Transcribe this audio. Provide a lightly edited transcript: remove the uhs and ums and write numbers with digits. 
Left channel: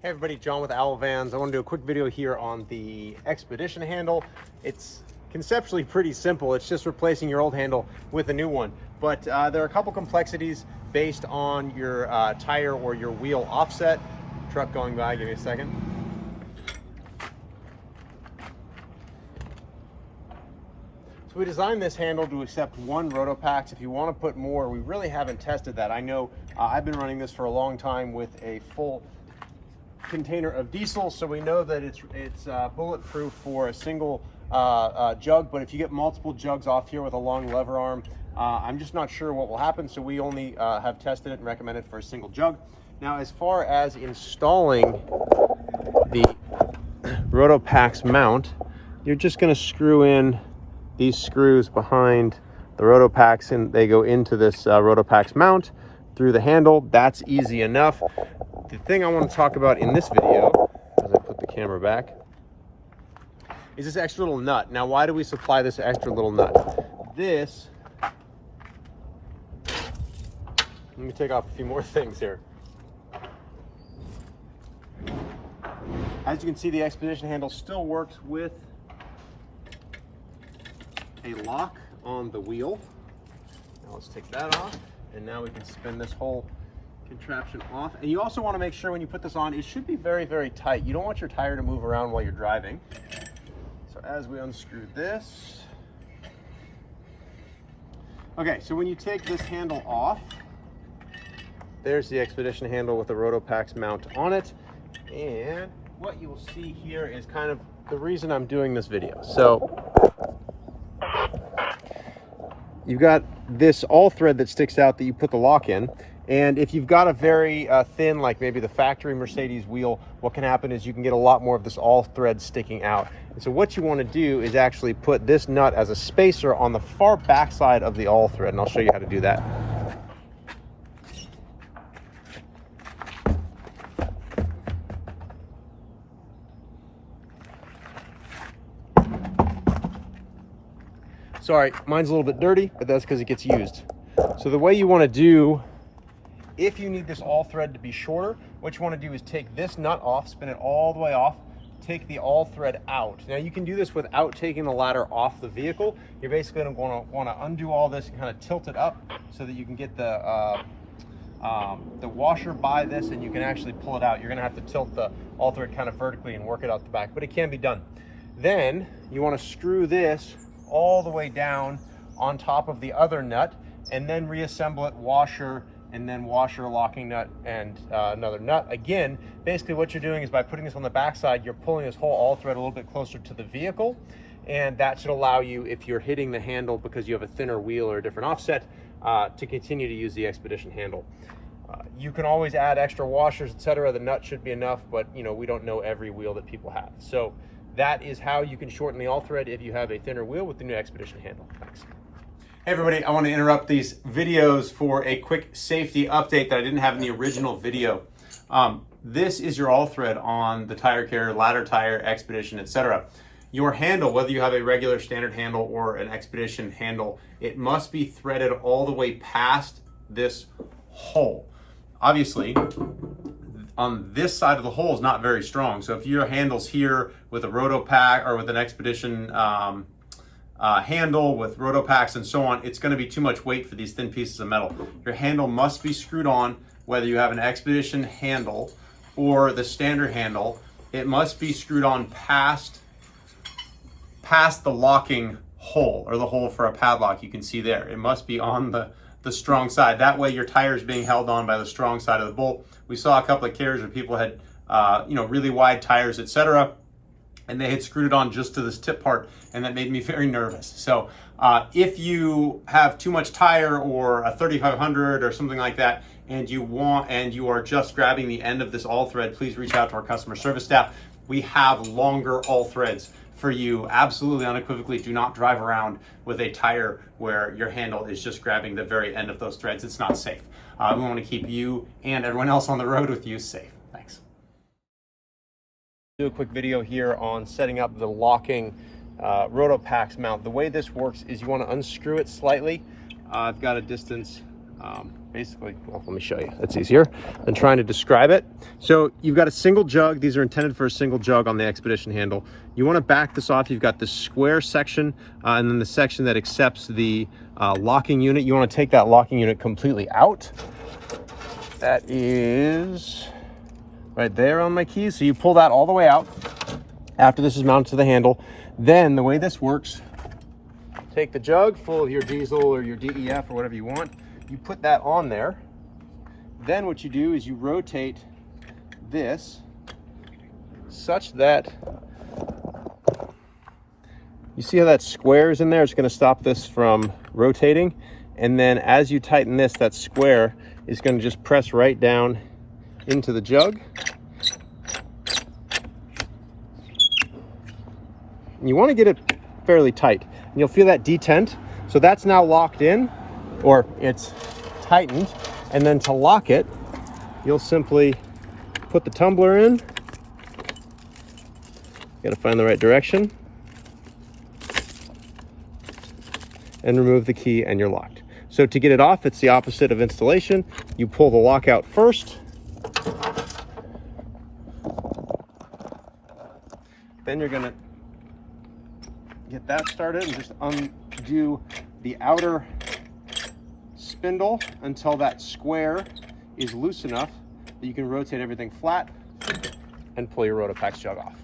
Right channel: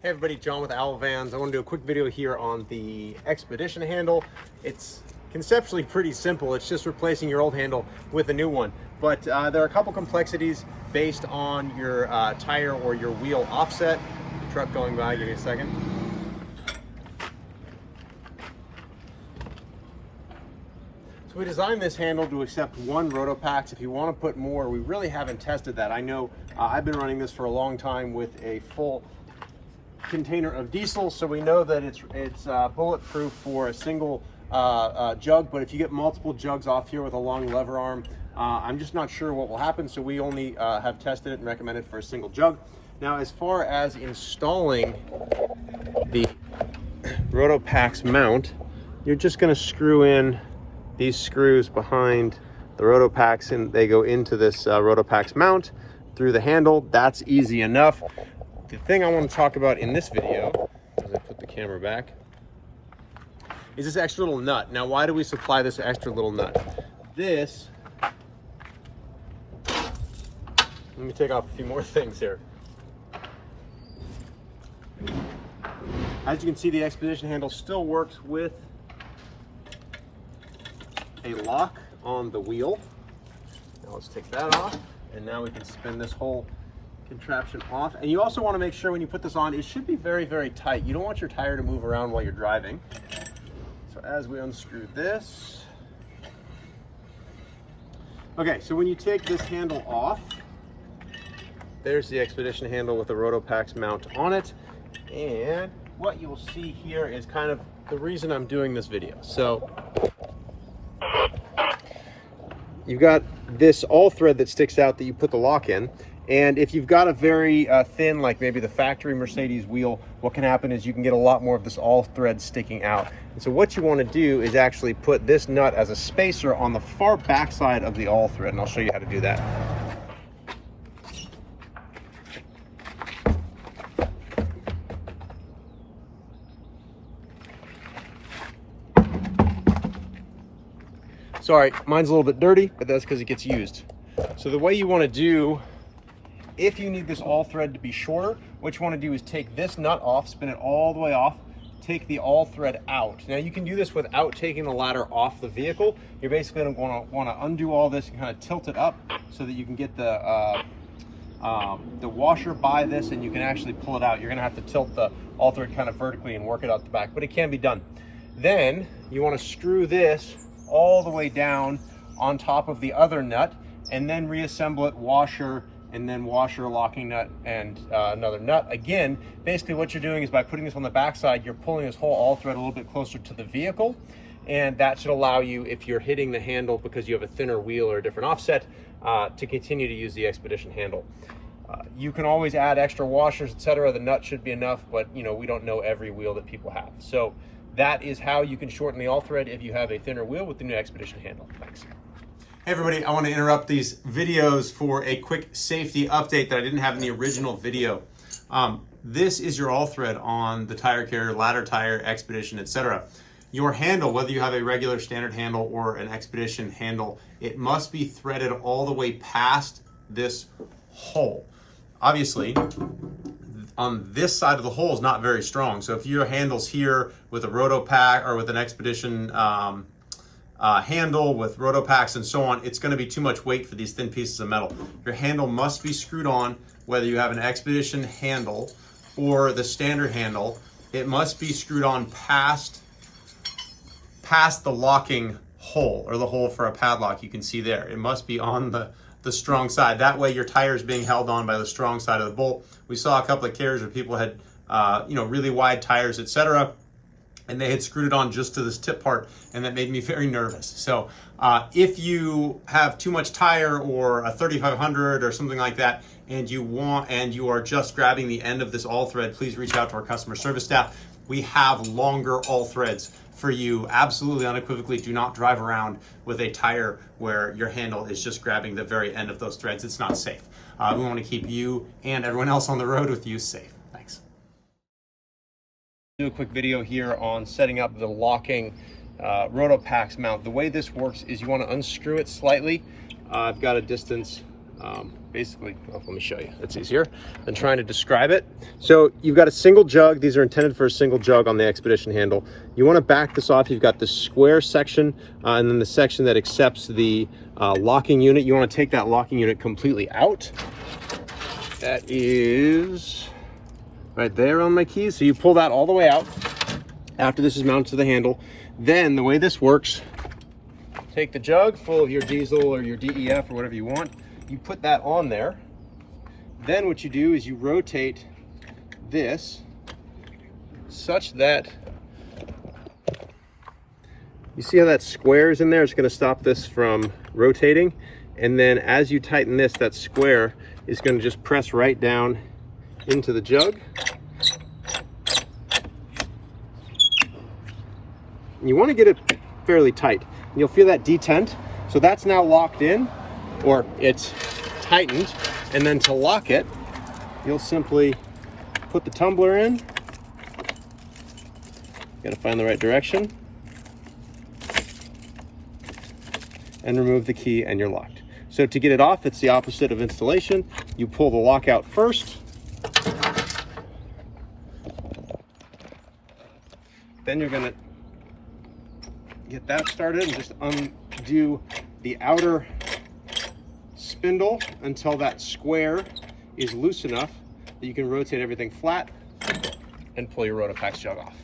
Hey everybody, John with Owl Vans. I want to do a quick video here on the Expedition handle. It's conceptually pretty simple. It's just replacing your old handle with a new one. But there are a couple complexities based on your tire or your wheel offset. Truck going by, give me a second. So we designed this handle to accept one Rotopax. If you want to put more, we really haven't tested that. I know I've been running this for a long time with a full container of diesel, so we know that it's bulletproof for a single jug, but if you get multiple jugs off here with a long lever arm, I'm just not sure what will happen, so we only have tested it and recommend it for a single jug. Now, as far as installing the Rotopax mount, you're just going to screw in these screws behind the Rotopax, and they go into this Rotopax mount through the handle. That's easy enough. The thing I want to talk about in this video, as I put the camera back, is this extra little nut. Now, why do we supply this extra little nut? This, let me take off a few more things here. As you can see, the Expedition handle still works with a lock on the wheel. Now let's take that off, and now we can spin this whole contraption off. And you also want to make sure when you put this on, it should be very, very tight. You don't want your tire to move around while you're driving. So as we unscrew this, okay, so when you take this handle off, there's the Expedition handle with the Rotopax mount on it. And what you'll see here is kind of the reason I'm doing this video. So you've got this all thread that sticks out that you put the lock in. And if you've got a very thin, like maybe the factory Mercedes wheel, what can happen is you can get a lot more of this all thread sticking out. And so what you want to do is actually put this nut as a spacer on the far back side of the all thread. And I'll show you how to do that. Sorry, mine's a little bit dirty, but that's because it gets used. So the way you want to do, if you need this all thread to be shorter, what you want to do is take this nut off, spin it all the way off, take the all thread out. Now you can do this without taking the ladder off the vehicle. You're basically going to want to undo all this and kind of tilt it up so that you can get the washer by this, and you can actually pull it out. You're going to have to tilt the all thread kind of vertically and work it out the back, but it can be done. Then you want to screw this all the way down on top of the other nut, and then reassemble it, washer, and then washer, locking nut, and another nut. Again, basically what you're doing is by putting this on the backside, you're pulling this whole all thread a little bit closer to the vehicle, and that should allow you, if you're hitting the handle because you have a thinner wheel or a different offset, to continue to use the Expedition handle. You can always add extra washers, etc. The nut should be enough, but you know, we don't know every wheel that people have. So that is how you can shorten the all thread if you have a thinner wheel with the new Expedition handle. Thanks. Hey everybody, I want to interrupt these videos for a quick safety update that I didn't have in the original video. This is your all thread on the tire carrier, ladder tire, Expedition, etc. Your handle, whether you have a regular standard handle or an Expedition handle, it must be threaded all the way past this hole. Obviously, on this side of the hole is not very strong. So if your handle's here with a Rotopax or with an Expedition handle with Rotopax and so on, it's going to be too much weight for these thin pieces of metal. Your handle must be screwed on, whether you have an Expedition handle or the standard handle. It must be screwed on past the locking hole, or the hole for a padlock you can see there. It must be on the strong side. That way your tire is being held on by the strong side of the bolt. We saw a couple of carriers where people had really wide tires, etc., and they had screwed it on just to this tip part, and that made me very nervous. So if you have too much tire or a 3500 or something like that, and you are just grabbing the end of this all thread, please reach out to our customer service staff. We have longer all threads for you. Absolutely unequivocally, do not drive around with a tire where your handle is just grabbing the very end of those threads. It's not safe. We want to keep you and everyone else on the road with you safe. Thanks. Do a quick video here on setting up the locking Rotopax mount. The way this works is you want to unscrew it slightly. I've got a distance Basically, well, let me show you. It's easier than trying to describe it. So you've got a single jug. These are intended for a single jug on the Expedition handle. You want to back this off. You've got the square section and then the section that accepts the locking unit. You want to take that locking unit completely out. That is right there on my keys. So you pull that all the way out after this is mounted to the handle. Then the way this works, take the jug full of your diesel or your DEF or whatever you want. You put that on there. Then what you do is you rotate this such that you see how that square is in there. It's going to stop this from rotating. And then as you tighten this, that square is going to just press right down into the jug. And you want to get it fairly tight. And you'll feel that detent. So that's now locked in, or it's tightened. And then to lock it, you'll simply put the tumbler in. Got to find the right direction. And remove the key and you're locked. So to get it off, it's the opposite of installation. You pull the lock out first. Then you're gonna get that started and just undo the outer spindle until that square is loose enough that you can rotate everything flat and pull your Rotopax jug off.